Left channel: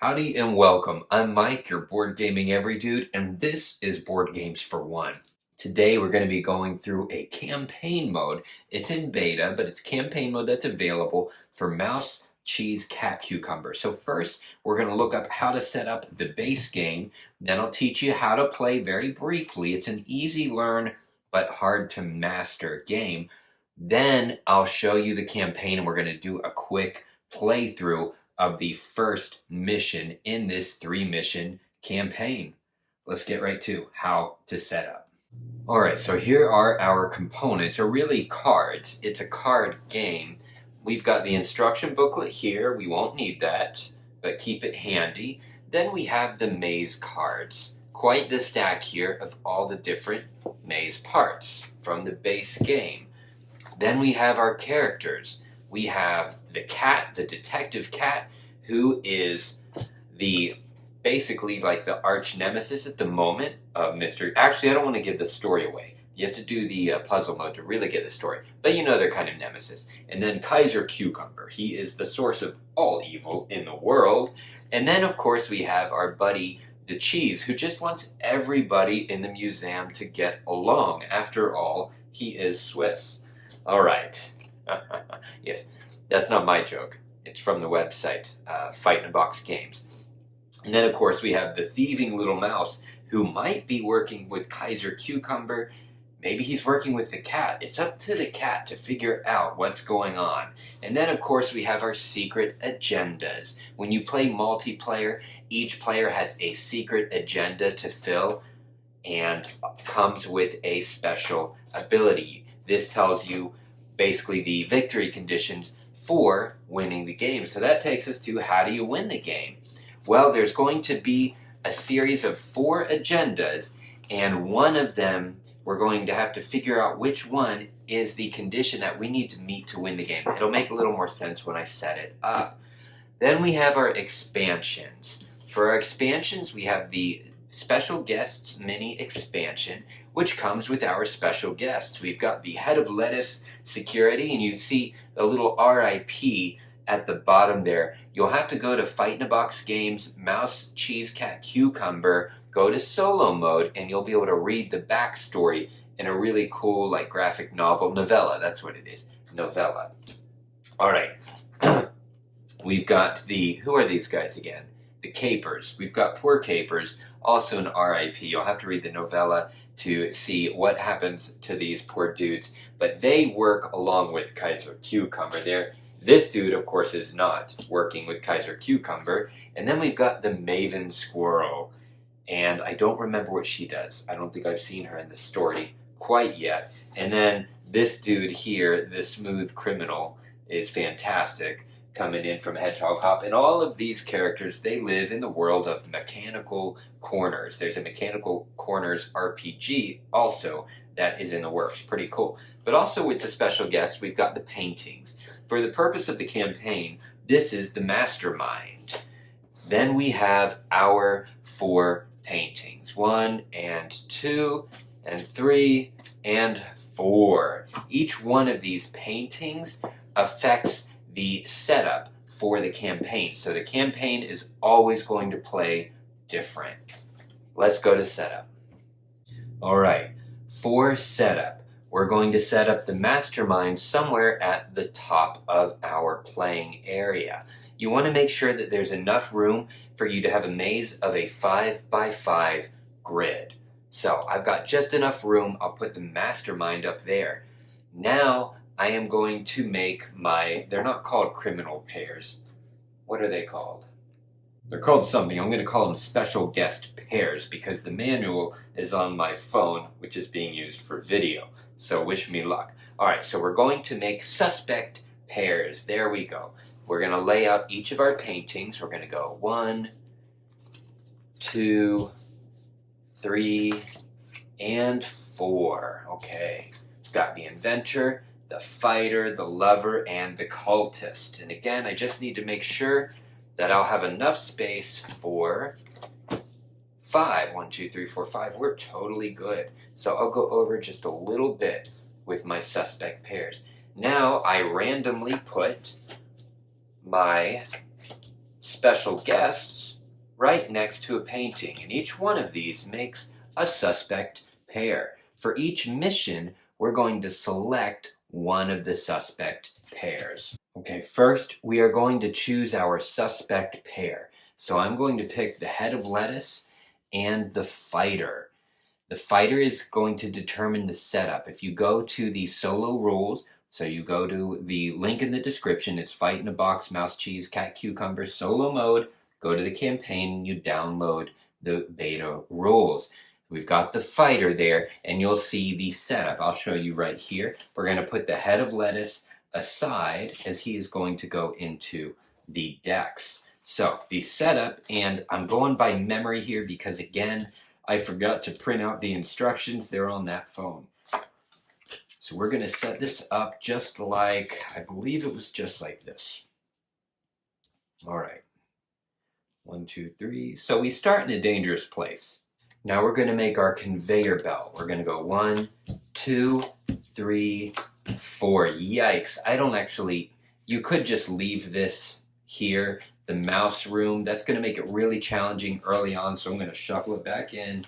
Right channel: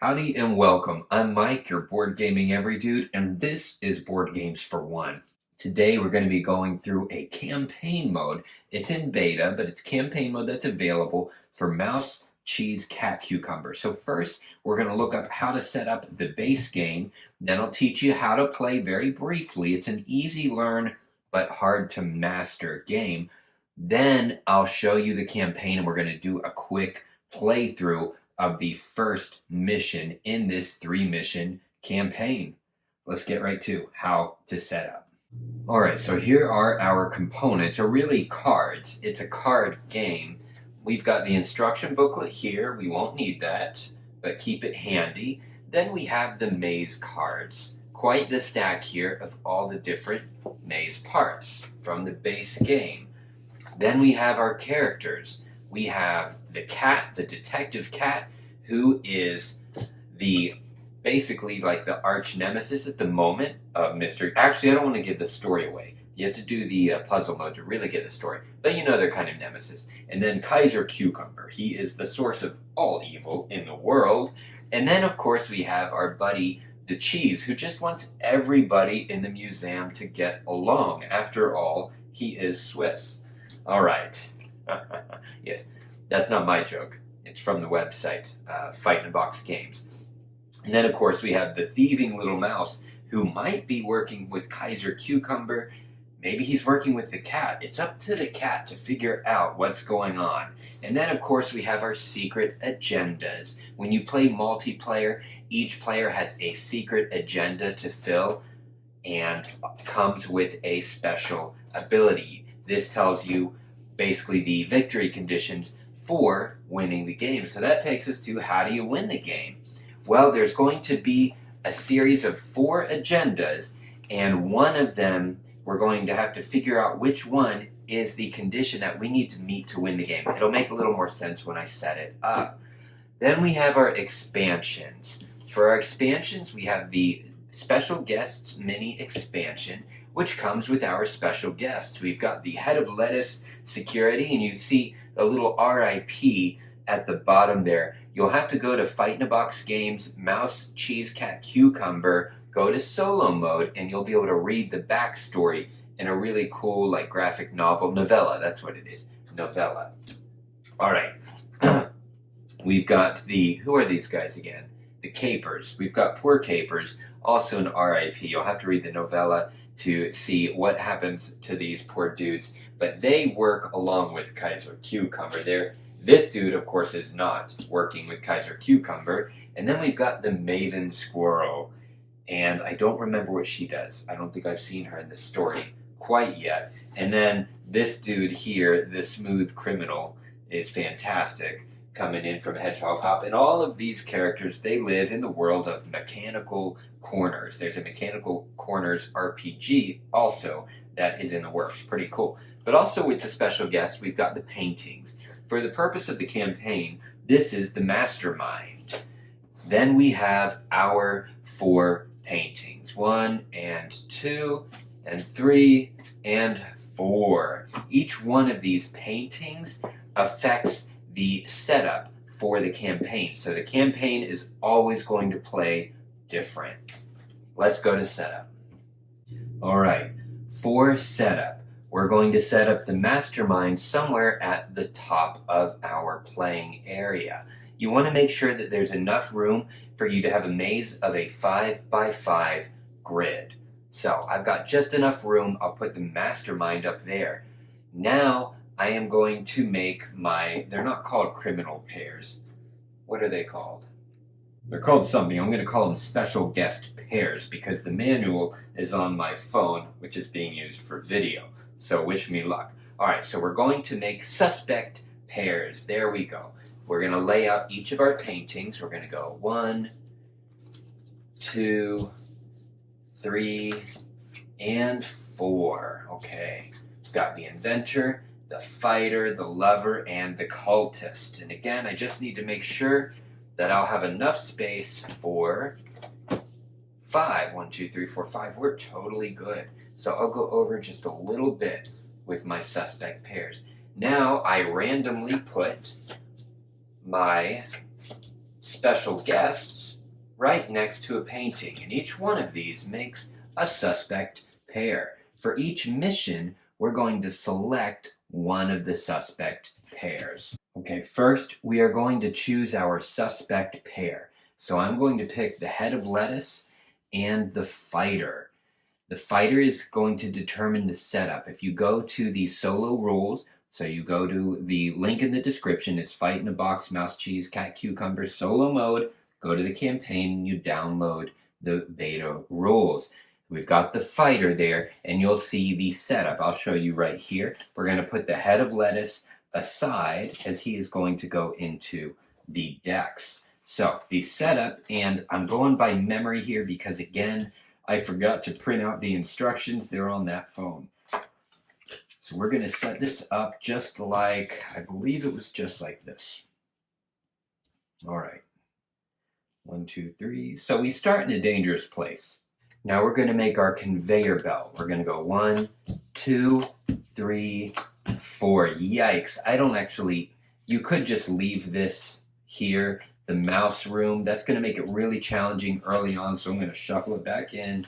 Howdy and welcome. I'm Mike, your board gaming every dude, and this is Board Games for One. Today we're going to be going through a campaign mode. It's in beta, but it's campaign mode that's available for Mouse, Cheese, Cat, Cucumber. So first, we're going to look up how to set up the base game. Then I'll teach you how to play very briefly. It's an easy learn but hard to master game. Then I'll show you the campaign, and we're going to do a quick playthrough of the first mission in this 3-mission campaign. Let's get right to how to set up. All right, so here are our components, or really cards. It's a card game. We've got the instruction booklet here. We won't need that, but keep it handy. Then we have the maze cards. Quite the stack here of all the different maze parts from the base game. Then we have our characters. We have the cat, the detective cat, who is basically like the arch nemesis at the moment of Mr. Actually, I don't want to give the story away. You have to do the puzzle mode to really get the story. But you know they're kind of nemesis. And then Kaiser Cucumber. He is the source of all evil in the world. And then, of course, we have our buddy, the Cheese, who just wants everybody in the museum to get along. After all, he is Swiss. All right. Yes, that's not my joke. It's from the website, Fight in a Box Games. And then, of course, we have the thieving little mouse who might be working with Kaiser Cucumber. Maybe he's working with the cat. It's up to the cat to figure out what's going on. And then, of course, we have our secret agendas. When you play multiplayer, each player has a secret agenda to fill and comes with a special ability. This tells you basically the victory conditions for winning the game. So that takes us to how do you win the game? Well, there's going to be a series of 4 agendas, and one of them we're going to have to figure out which one is the condition that we need to meet to win the game. It'll make a little more sense when I set it up. Then we have our expansions. For our expansions, we have the Special Guests mini expansion, which comes with our special guests. We've got the Head of Lettuce Security, and you see a little RIP at the bottom there. You'll have to go to Fight in a Box Games, Mouse, Cheese, Cat, Cucumber, go to solo mode, and you'll be able to read the backstory in a really cool, like, graphic novel. Novella, that's what it is. Novella. All right. We've got who are these guys again? The Capers. We've got poor Capers, also an RIP. You'll have to read the novella to see what happens to these poor dudes. But they work along with Kaiser Cucumber. This dude, of course, is not working with Kaiser Cucumber. And then we've got the Maven Squirrel. And I don't remember what she does. I don't think I've seen her in the story quite yet. And then this dude here, the Smooth Criminal, is fantastic, coming in from Hedgehog Hop. And all of these characters, they live in the world of Mechanical Corners. There's a Mechanical Corners RPG also that is in the works. Pretty cool. But also with the special guests, we've got the paintings. For the purpose of the campaign, this is the mastermind. Then we have our 4 paintings. 1 and 2 and 3 and 4. Each one of these paintings affects the setup for the campaign. So the campaign is always going to play different. Let's go to setup. All right, for setup, we're going to set up the mastermind somewhere at the top of our playing area. You want to make sure that there's enough room for you to have a maze of a 5x5 grid. So I've got just enough room. I'll put the mastermind up there. Now I am going to make they're not called criminal pairs. What are they called? They're called something. I'm going to call them special guest pairs because the manual is on my phone, which is being used for video. So wish me luck. All right, so we're going to make suspect pairs. There we go. We're going to lay out each of our paintings. We're going to go 1, 2, 3, and 4. Okay. Got the inventor, the fighter, the lover, and the cultist. And again, I just need to make sure that I'll have enough space for 5. 1, 2, 3, 4, 5. We're totally good. So I'll go over just a little bit with my suspect pairs. Now I randomly put my special guests right next to a painting, and each one of these makes a suspect pair. For each mission, we're going to select one of the suspect pairs. Okay, first we are going to choose our suspect pair. So I'm going to pick the head of lettuce and the fighter. The fighter is going to determine the setup. If you go to the solo rules, so you go to the link in the description, it's Fight in a Box, Mouse Cheese, Cat Cucumber, solo mode, go to the campaign and you download the beta rules. We've got the fighter there and you'll see the setup. I'll show you right here. We're going to put the head of lettuce aside as he is going to go into the decks. So the setup, and I'm going by memory here because again, I forgot to print out the instructions. They're on that phone. So we're going to set this up just like, I believe it was just like this. All right. 1, 2, 3. So we start in a dangerous place. Now we're going to make our conveyor belt. We're going to go 1, 2, 3, 4. Yikes. I don't actually, you could just leave this here, the mouse room. That's going to make it really challenging early on. So I'm going to shuffle it back in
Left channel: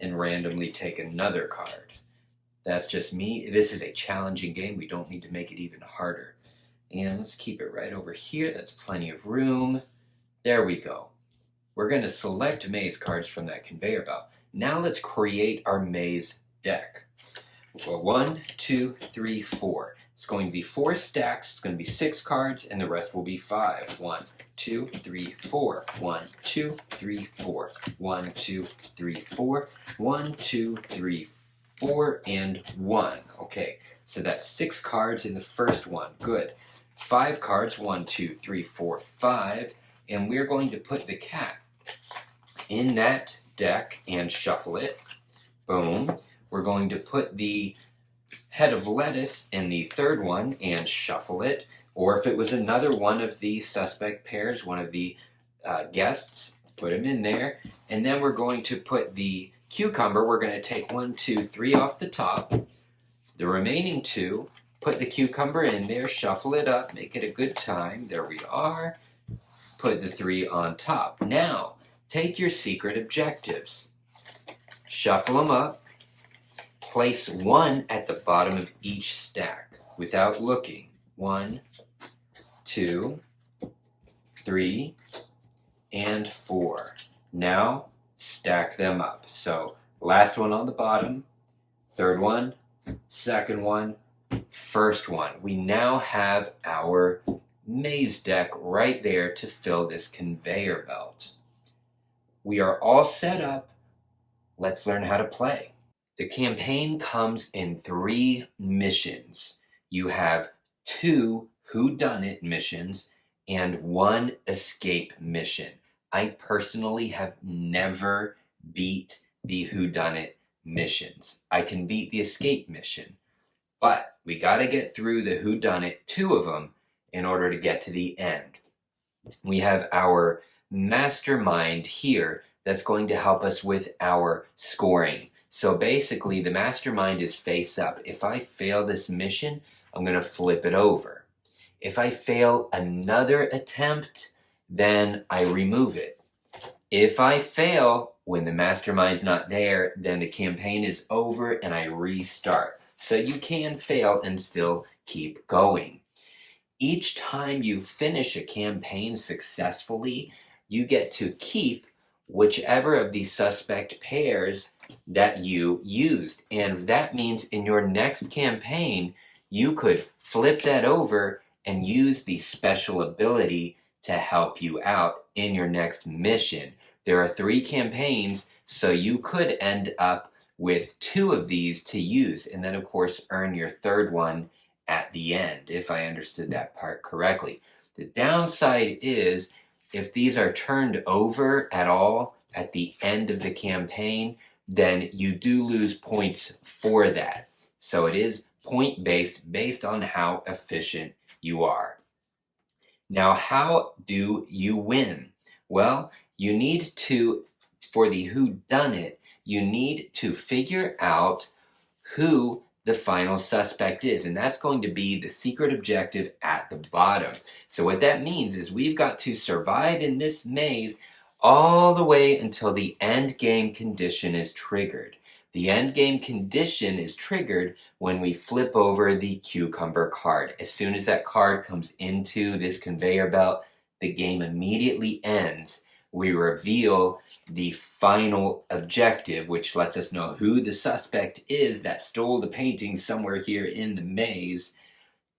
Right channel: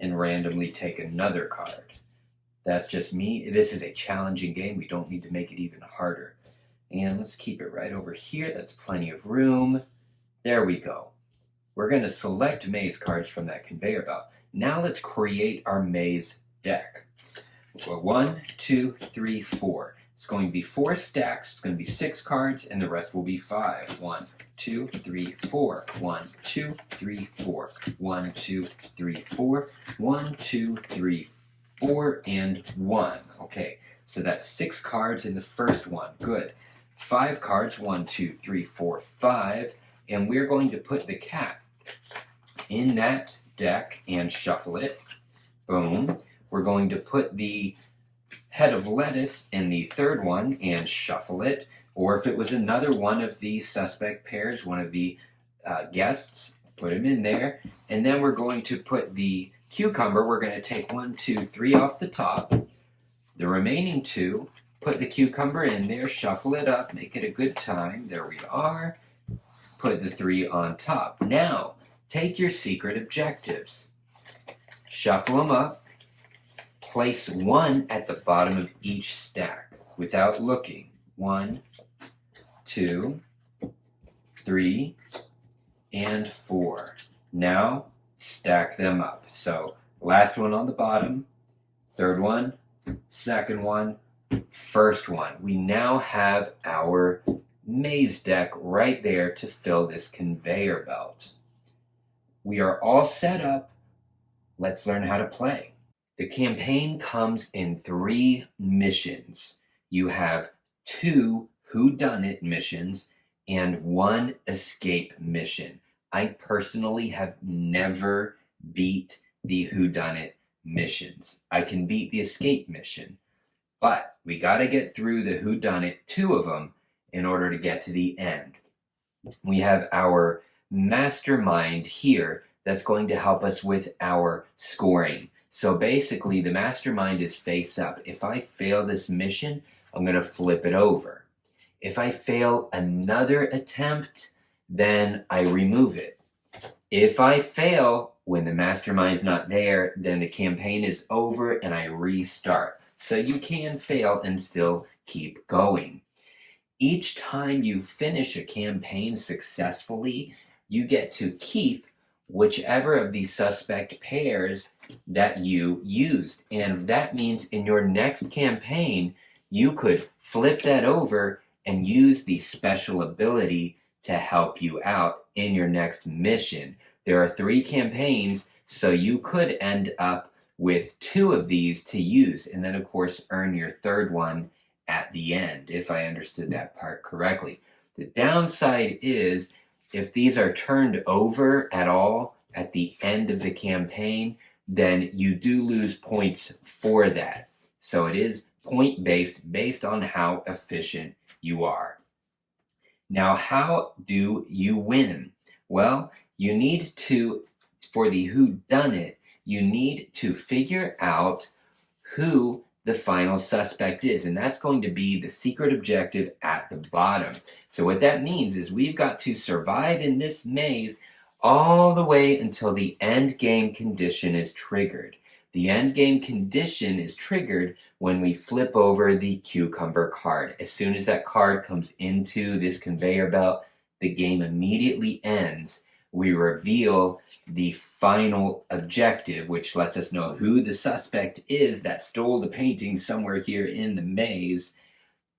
and randomly take another card. That's just me. This is a challenging game. We don't need to make it even harder. And let's keep it right over here. That's plenty of room. There we go. We're going to select maze cards from that conveyor belt. Now let's create our maze deck. Well, 1, 2, 3, 4. It's going to be 4 stacks. It's going to be 6 cards, and the rest will be 5. 1, 2, 3, 4. 1, 2, 3, 4. 1, 2, 3, 4. 1, 2, 3, 4, and 1. Okay, so that's 6 cards in the first one. Good. 5 cards. 1, 2, 3, 4, 5. And we're going to put the cat in that deck and shuffle it. Boom. We're going to put the head of lettuce in the third one and shuffle it. Or if it was another one of the suspect pairs, one of the guests, put him in there. And then we're going to put the cucumber. We're going to take 1, 2, 3 off the top. The remaining 2, put the cucumber in there, shuffle it up, make it a good time. There we are. Put the 3 on top. Now, take your secret objectives. Shuffle them up. Place 1 at the bottom of each stack without looking. 1, 2, 3, and 4. Now, stack them up. So, last one on the bottom, third one, second one, first one. We now have our maze deck right there to fill this conveyor belt. We are all set up. Let's learn how to play. The campaign comes in 3 missions. You have 2 whodunit missions and 1 escape mission. I personally have never beat the whodunit missions. I can beat the escape mission, but we got to get through the whodunit, 2 of them, in order to get to the end. We have our mastermind here that's going to help us with our scoring. So basically, the mastermind is face up. If I fail this mission, I'm going to flip it over. If I fail another attempt, then I remove it. If I fail when the mastermind's not there, then the campaign is over and I restart. So you can fail and still keep going. Each time you finish a campaign successfully, you get to keep whichever of the suspect pairs that you used. And that means in your next campaign, you could flip that over and use the special ability to help you out in your next mission. There are 3 campaigns, so you could end up with 2 of these to use, and then of course earn your third one at the end, if I understood that part correctly. The downside is if these are turned over at all at the end of the campaign, then you do lose points for that. So it is point-based, based on how efficient you are. Now, how do you win? Well, you need to, for the whodunit, you need to figure out who the final suspect is, and that's going to be the secret objective at the bottom. So what that means is we've got to survive in this maze all the way until the end game condition is triggered. The end game condition is triggered when we flip over the cucumber card. As soon as that card comes into this conveyor belt, the game immediately ends. We reveal the final objective, which lets us know who the suspect is that stole the painting somewhere here in the maze.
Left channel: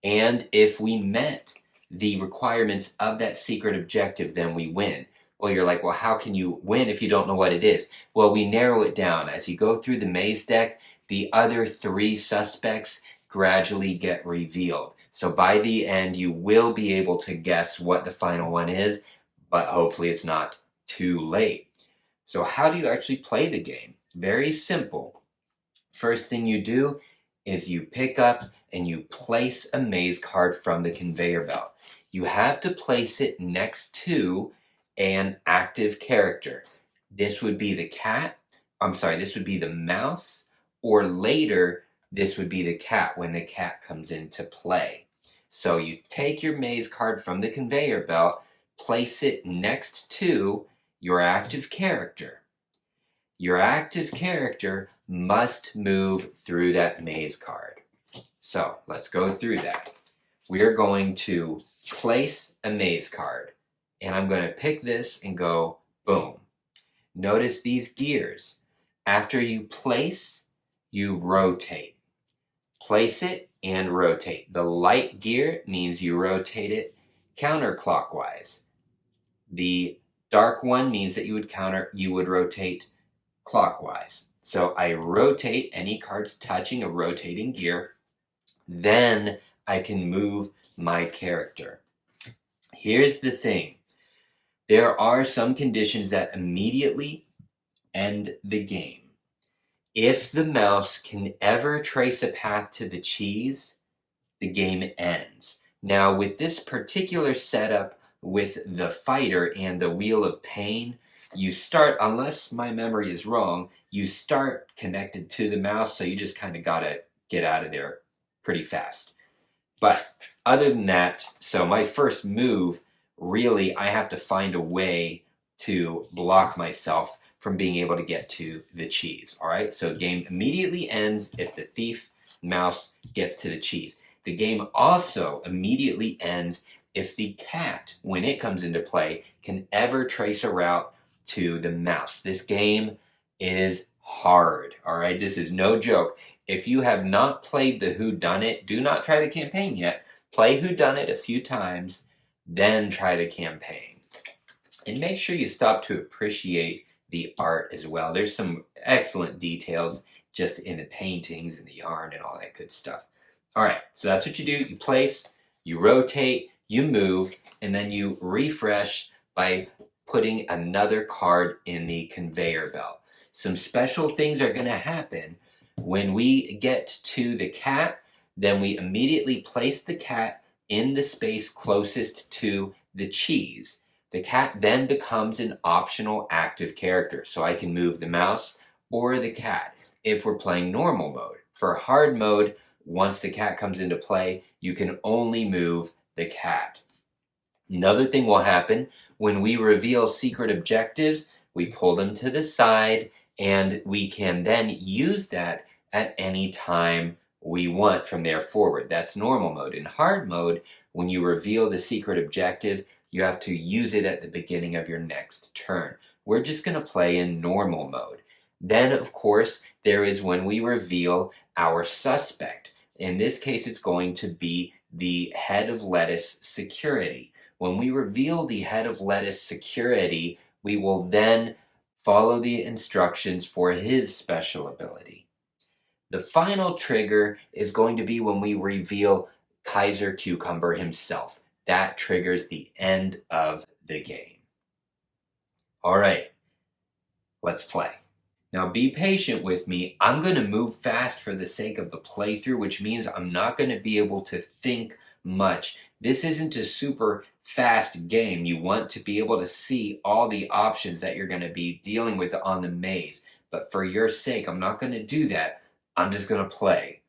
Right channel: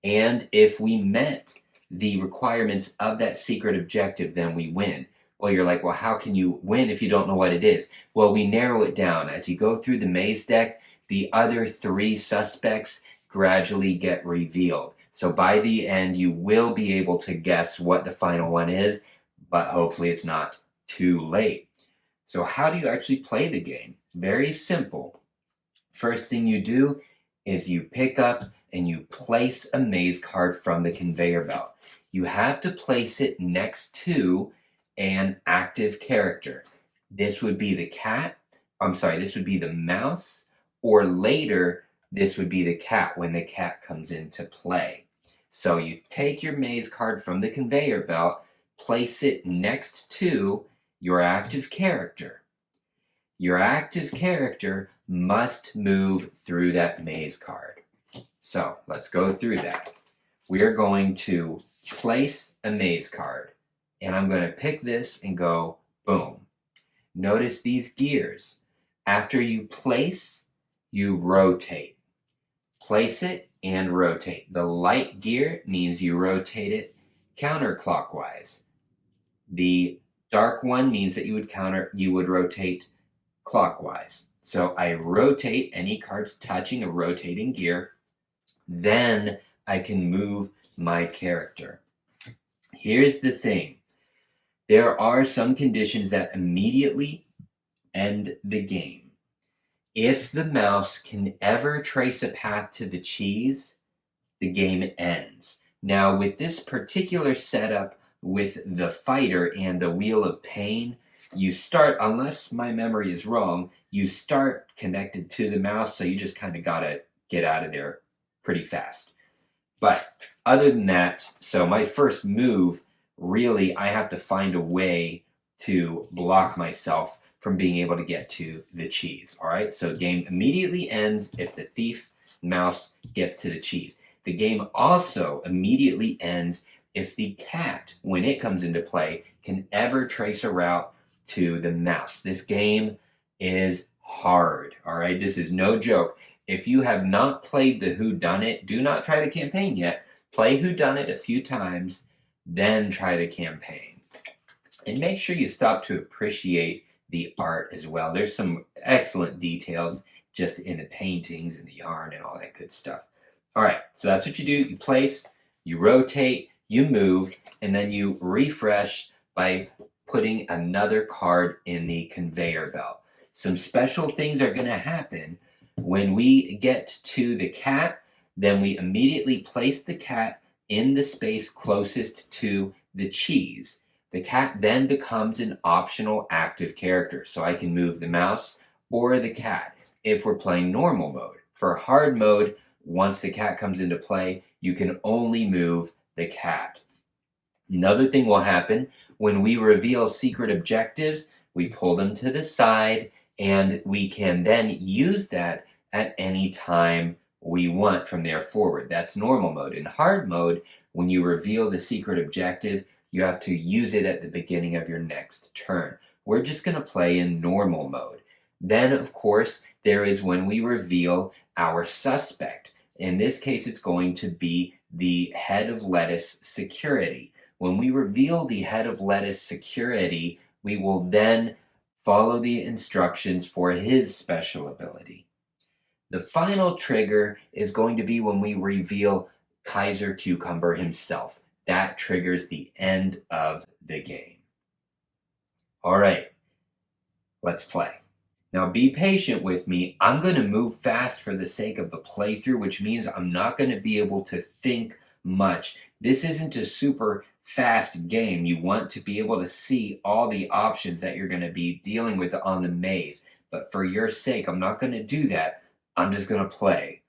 And if we met the requirements of that secret objective, then we win. Well, you're like, well, how can you win if you don't know what it is? Well, we narrow it down. As you go through the maze deck, the other 3 suspects gradually get revealed. So by the end, you will be able to guess what the final one is, but hopefully it's not too late. So how do you actually play the game? Very simple. First thing you do is you pick up and you place a maze card from the conveyor belt. You have to place it next to an active character. This would be the cat. This would be the mouse, or later, this would be the cat when the cat comes into play. So you take your maze card from the conveyor belt, place it next to your active character. Your active character must move through that maze card. So let's go through that. We are going to place a maze card, and I'm going to pick this and go boom. Notice these gears. After you place, you rotate. Place it and rotate. The light gear means you rotate it counterclockwise. The dark one means that you would rotate clockwise. So I rotate any cards touching a rotating gear, then I can move my character. Here's the thing. There are some conditions that immediately end the game. If the mouse can ever trace a path to the cheese, the game ends. Now, with this particular setup with the fighter and the Wheel of Pain, you start, unless my memory is wrong, you start connected to the mouse, so you just kind of gotta get out of there pretty fast. But other than that, so my first move, really, I have to find a way to block myself from being able to get to the cheese. All right, so the game immediately ends if the thief mouse gets to the cheese. The game also immediately ends if the cat, when it comes into play, can ever trace a route to the mouse. This game is hard. All right, this is no joke. If you have not played the Whodunit, do not try the campaign yet. Play Whodunit a few times, then try the campaign. And make sure you stop to appreciate the art as well. There's some excellent details just in the paintings and the yarn and all that good stuff. All right, so that's what you do. You place, you rotate, you move, and then you refresh by putting another card in the conveyor belt. Some special things are going to happen. When we get to the cat, then we immediately place the cat in the space closest to the cheese. The cat then becomes an optional active character, so I can move the mouse or the cat if we're playing normal mode. For hard mode, once the cat comes into play, you can only move the cat. Another thing will happen when we reveal secret objectives, we pull them to the side, and we can then use that at any time we want from there forward. That's normal mode. In hard mode, when you reveal the secret objective, you have to use it at the beginning of your next turn. We're just going to play in normal mode. Then, of course, there is when we reveal our suspect. In this case, it's going to be the head of lettuce security. When we reveal the head of lettuce security, we will then follow the instructions for his special ability. The final trigger is going to be when we reveal Kaiser Cucumber himself. That triggers the end of the game. All right, let's play. Now be patient with me. I'm going to move fast for the sake of the playthrough, which means I'm not going to be able to think much. This isn't a super fast game. You want to be able to see all the options that you're going to be dealing with on the maze. But for your sake, I'm not going to do that. I'm just going to play.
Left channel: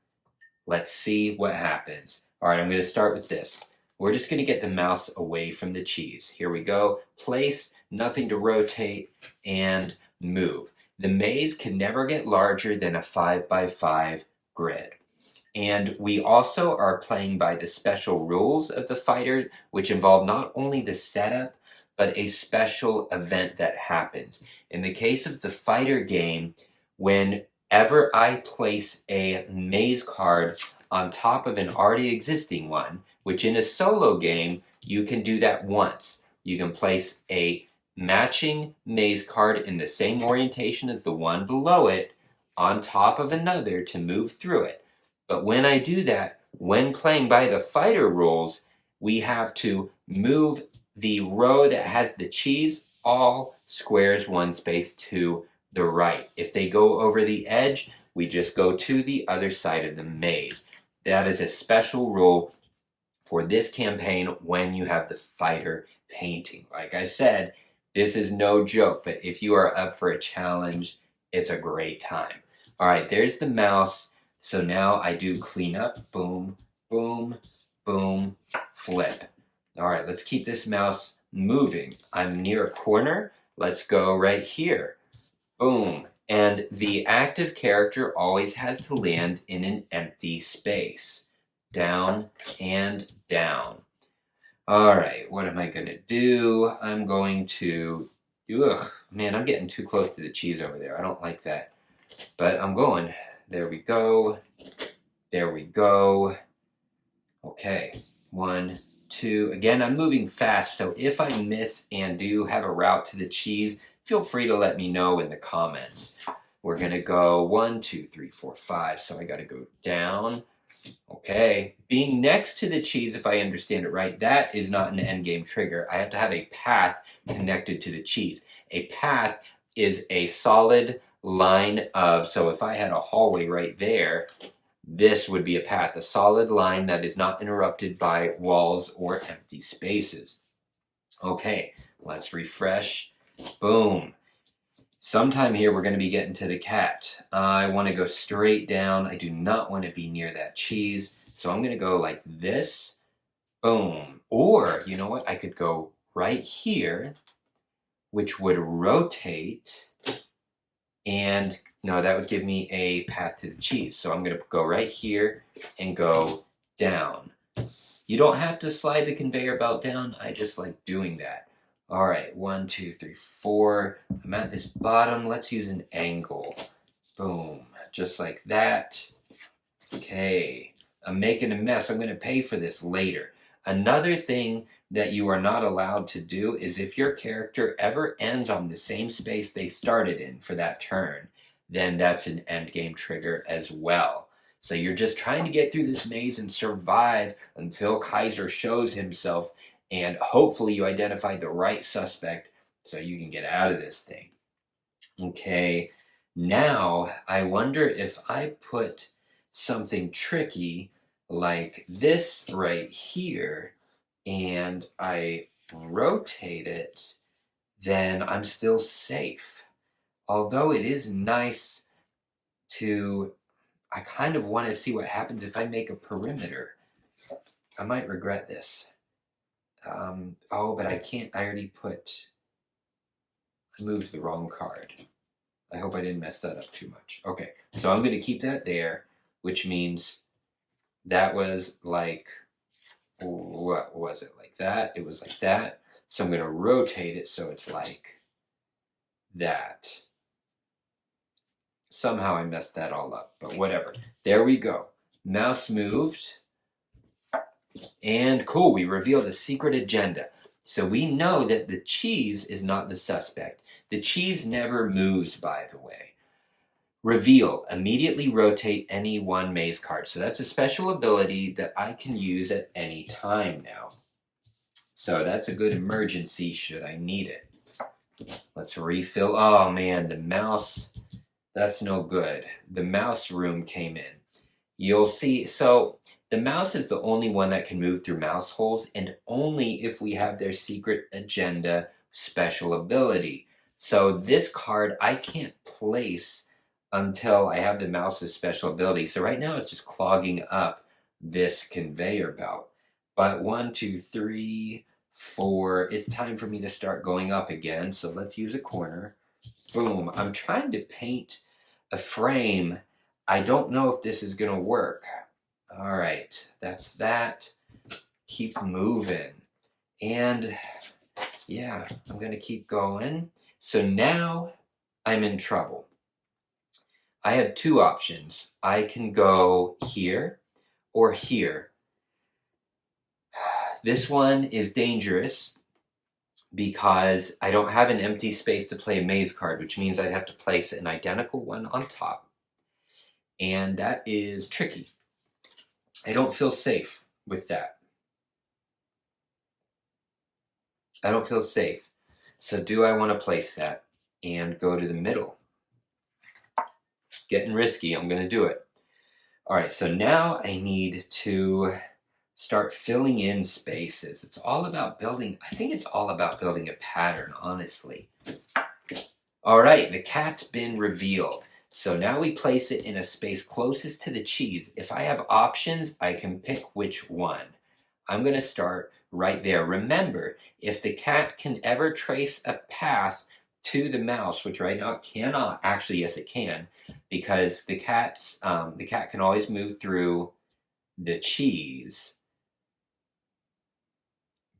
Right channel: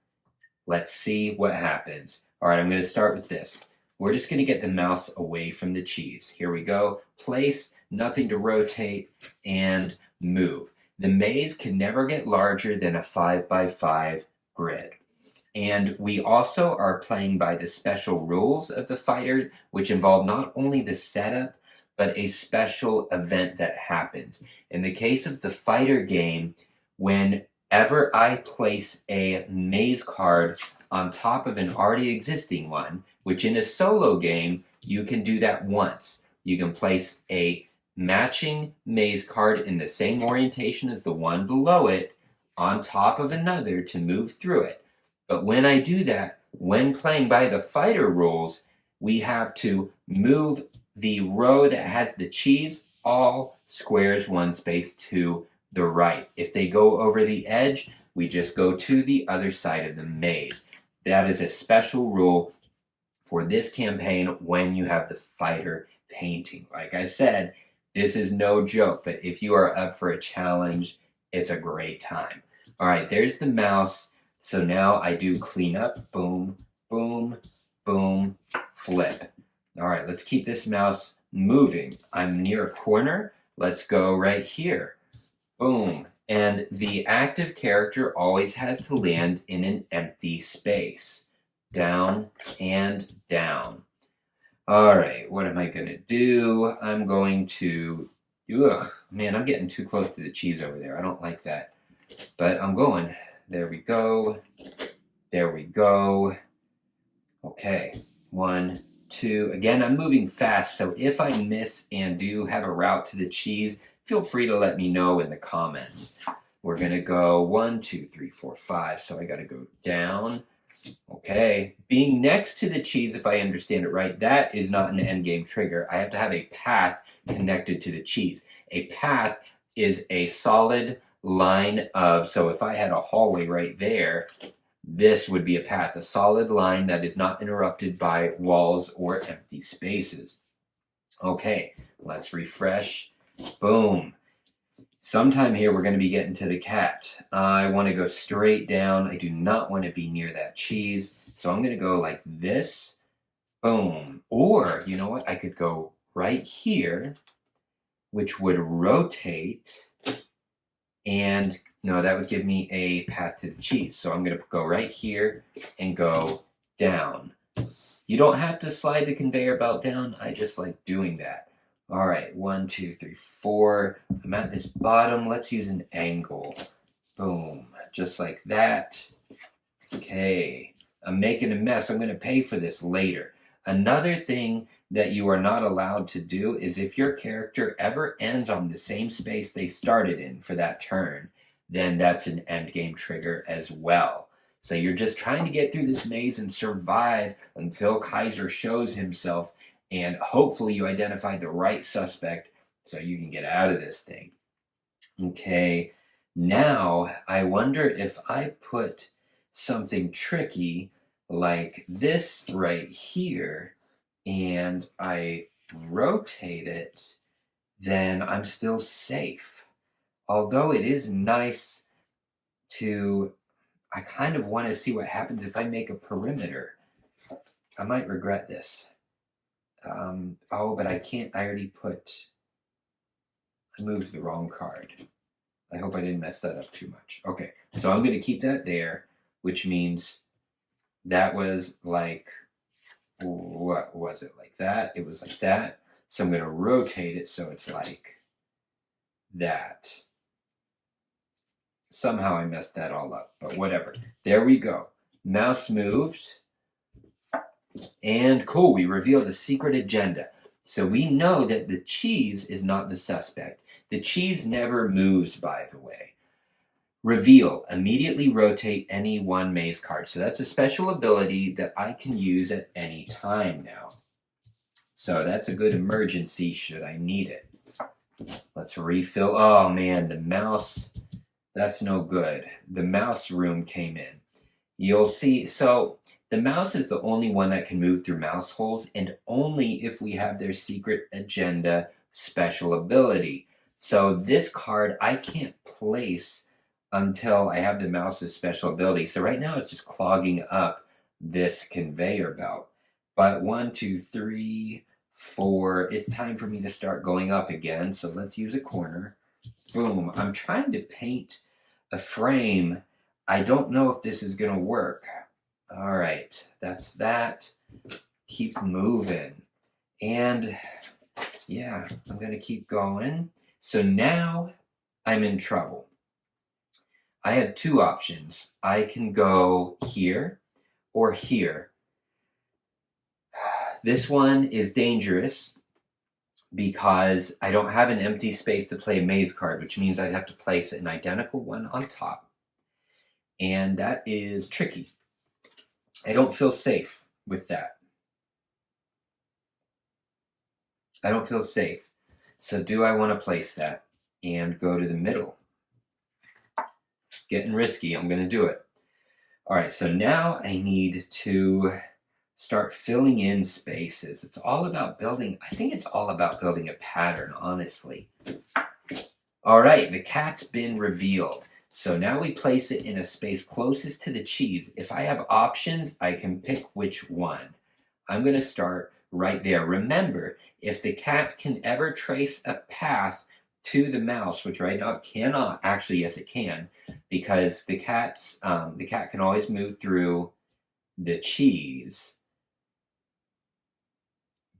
Let's see what happens. All right, I'm going to start with this. We're just going to get the mouse away from the cheese. Here we go. Place, nothing to rotate and move. The maze can never get larger than a 5x5 grid. And we also are playing by the special rules of the fighter, which involve not only the setup, but a special event that happens. In the case of the fighter game, whenever I place a maze card on top of an already existing one, which in a solo game, you can do that once. You can place a matching maze card in the same orientation as the one below it on top of another to move through it. But when I do that, when playing by the fighter rules, we have to move the row that has the cheese all squares one space to the right. If they go over the edge, we just go to the other side of the maze. That is a special rule for this campaign when you have the fighter painting. Like I said, this is no joke, but if you are up for a challenge, it's a great time. All right, there's the mouse. So now I do clean up, boom, boom, boom, flip. All right, let's keep this mouse moving. I'm near a corner. Let's go right here. Boom. And the active character always has to land in an empty space. Down and down. All right, what am I going to do? I'm going to, man, I'm getting too close to the cheese over there. I don't like that. But I'm going. There we go. There we go. Okay. 1, 2. Again, I'm moving fast, so if I miss and do have a route to the cheese, feel free to let me know in the comments. We're going to go 1, 2, 3, 4, 5. So I got to go down. Okay. Being next to the cheese, if I understand it right, that is not an endgame trigger. I have to have a path connected to the cheese. A path is a solid line of, so if I had a hallway right there, this would be a path, a solid line that is not interrupted by walls or empty spaces. Okay, let's refresh. Boom. Sometime here we're going to be getting to the cat. I want to go straight down. I do not want to be near that cheese. So I'm going to go like this. Boom. Or, you know what? I could go right here, which would rotate. And no, that would give me a path to the cheese. So I'm going to go right here and go down. You don't have to slide the conveyor belt down. I just like doing that. All right, 1, 2, 3, 4. I'm at this bottom. Let's use an angle. Boom, just like that. Okay, I'm making a mess. I'm going to pay for this later. Another thing that you are not allowed to do is if your character ever ends on the same space they started in for that turn, then that's an endgame trigger as well. So you're just trying to get through this maze and survive until Kaiser shows himself, and hopefully you identify the right suspect so you can get out of this thing. Okay, now I wonder if I put something tricky like this right here and I rotate it, then I'm still safe. Although it is nice to, I kind of want to see what happens if I make a perimeter. I might regret this. Oh, but I can't, I moved the wrong card. I hope I didn't mess that up too much. Okay, so I'm going to keep that there, which means that was like, what was it, like that? It was like that. So I'm going to rotate it so it's like that. Somehow I messed that all up, but whatever. There we go. Mouse moved. And cool, we revealed a secret agenda. So we know that the cheese is not the suspect. The cheese never moves, by the way. Reveal, immediately rotate any one maze card. So that's a special ability that I can use at any time now. So that's a good emergency should I need it. Let's refill. Oh man, the mouse, that's no good. The mouse room came in. You'll see, so the mouse is the only one that can move through mouse holes, and only if we have their secret agenda special ability. So this card I can't place until I have the mouse's special ability. So right now it's just clogging up this conveyor belt. But 1, 2, 3, it's time for me to start going up again. So let's use a corner. Boom. I'm trying to paint a frame. I don't know if this is going to work. All right, that's that. Keep moving. And yeah, I'm going to keep going. So now I'm in trouble. I have two options. I can go here or here. This one is dangerous because I don't have an empty space to play a maze card, which means I'd have to place an identical one on top. And that is tricky. I don't feel safe with that. I don't feel safe. So do I want to place that and go to the middle? Getting risky. I'm going to do it. All right, so now I need to start filling in spaces. It's all about building, I think it's all about building a pattern, honestly. All right, the cat's been revealed. So now we place it in a space closest to the cheese. If I have options, I can pick which one. I'm going to start right there. Remember, if the cat can ever trace a path to the mouse, which right now it cannot, actually, yes, it can, because the cat can always move through the cheese,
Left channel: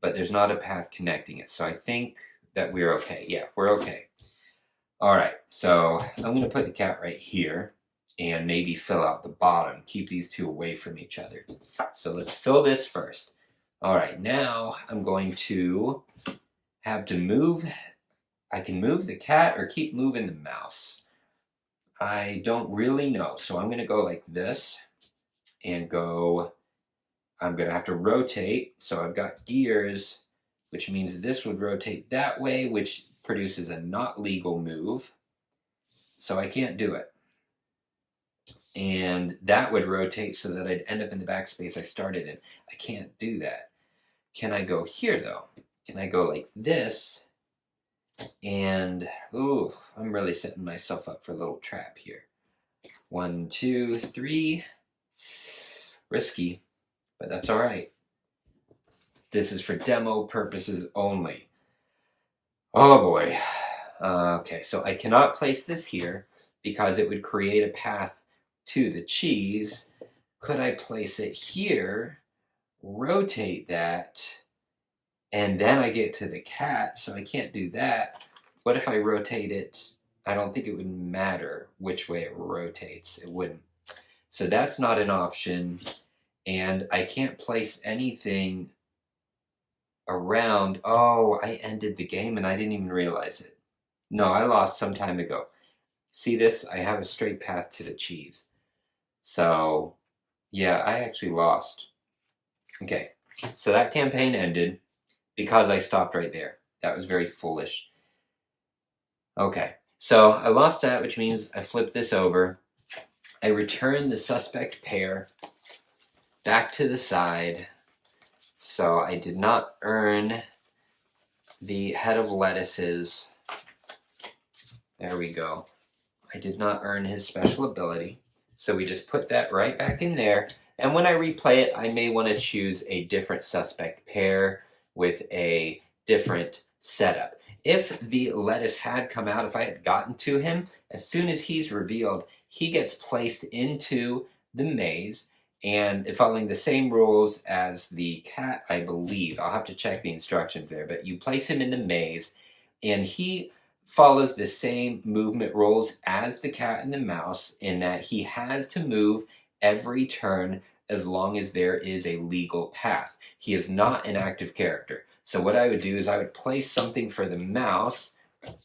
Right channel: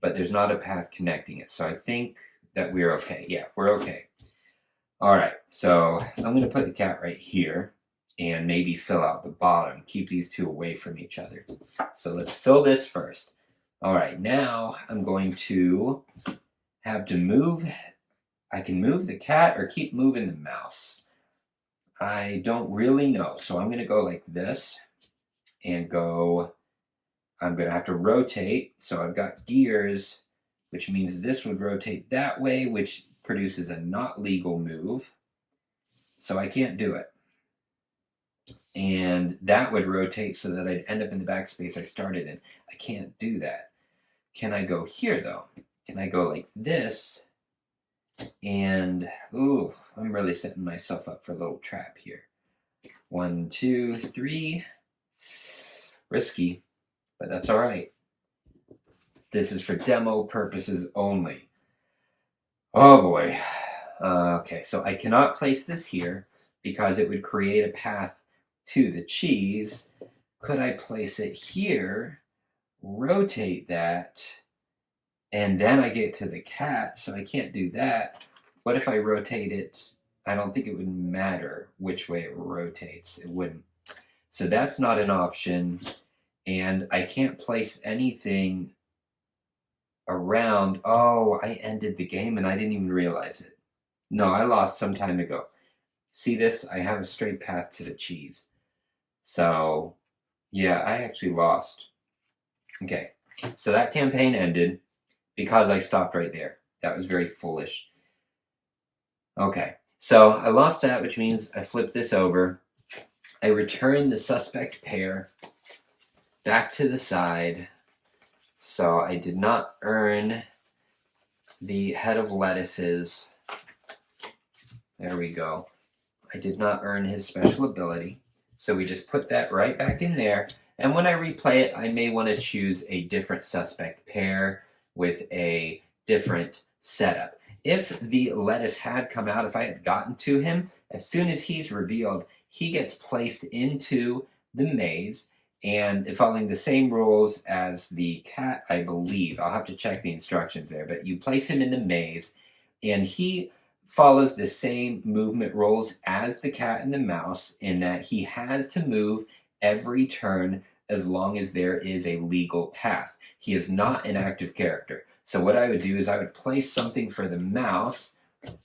but there's not a path connecting it. So I think that we're okay. Yeah, we're okay. All right, so I'm going to put the cat right here and maybe fill out the bottom. Keep these two away from each other. So let's fill this first. All right, now I'm going to have to move. I can move the cat or keep moving the mouse. I don't really know. So I'm going to go like this and go. I'm going to have to rotate. So I've got gears, which means this would rotate that way, which produces a not legal move. So I can't do it. And that would rotate so that I'd end up in the backspace I started in. I can't do that. Can I go here though? Can I go like this? And, ooh, I'm really setting myself up for a little trap here. 1, 2, 3. Risky, but that's all right. This is for demo purposes only. Oh boy. Okay, so I cannot place this here because it would create a path to the cheese. Could I place it here, rotate that, and then I get to the cat, so I can't do that. What if I rotate it? I don't think it would matter which way it rotates. It wouldn't. So that's not an option. And I can't place anything around. Oh, I ended the game and I didn't even realize it. No, I lost some time ago. See this? I have a straight path to the cheese. So, yeah, I actually lost. Okay, so that campaign ended because I stopped right there. That was very foolish. Okay, so I lost that, which means I flipped this over. I return the suspect pair back to the side. So I did not earn the head of lettuces. There we go. I did not earn his special ability. So we just put that right back in there. And when I replay it, I may want to choose a different suspect pair with a different setup. If the lettuce had come out, if I had gotten to him, as soon as he's revealed, he gets placed into the maze, and following the same rules as the cat, I believe. I'll have to check the instructions there, but you place him in the maze, and he follows the same movement rules as the cat and the mouse in that he has to move every turn as long as there is a legal path. He is not an active character. So what I would do is I would place something for the mouse,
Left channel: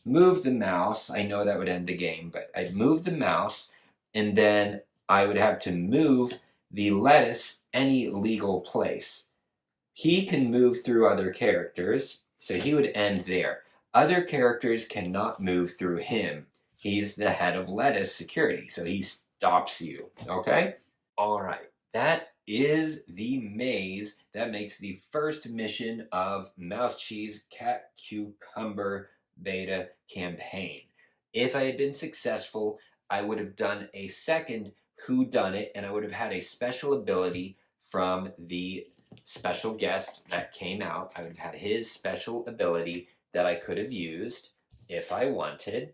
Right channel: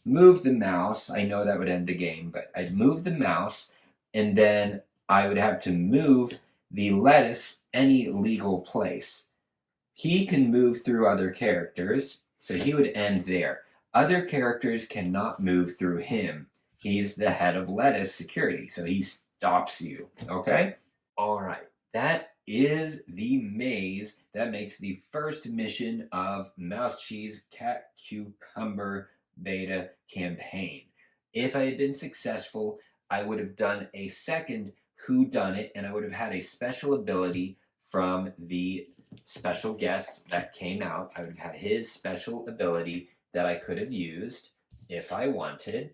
move the mouse. I know that would end the game, but I'd move the mouse, and then I would have to move the lettuce any legal place. He can move through other characters, so he would end there. Other characters cannot move through him. He's the head of lettuce security, so he stops you, okay? All right, that is the maze that makes the first mission of Mouse Cheese Cat Cucumber Beta campaign. If I had been successful, I would have done a second whodunit, and I would have had a special ability from the special guest that came out. I would have had his special ability that I could have used if I wanted.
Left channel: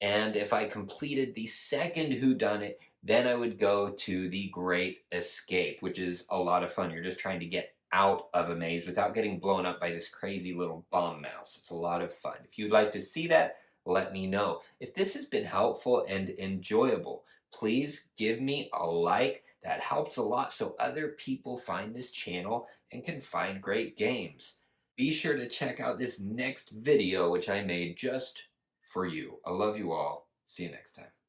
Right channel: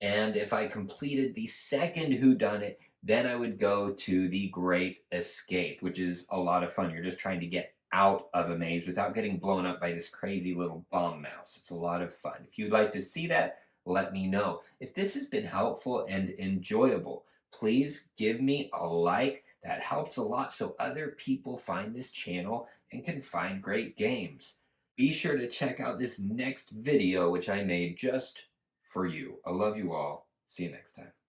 And if I completed the second whodunit, then I would go to the Great Escape, which is a lot of fun. You're just trying to get out of a maze without getting blown up by this crazy little bomb mouse. It's a lot of fun. If you'd like to see that, let me know. If this has been helpful and enjoyable, please give me a like. That helps a lot so other people find this channel and can find great games. Be sure to check out this next video, which I made just for you. I love you all. See you next time.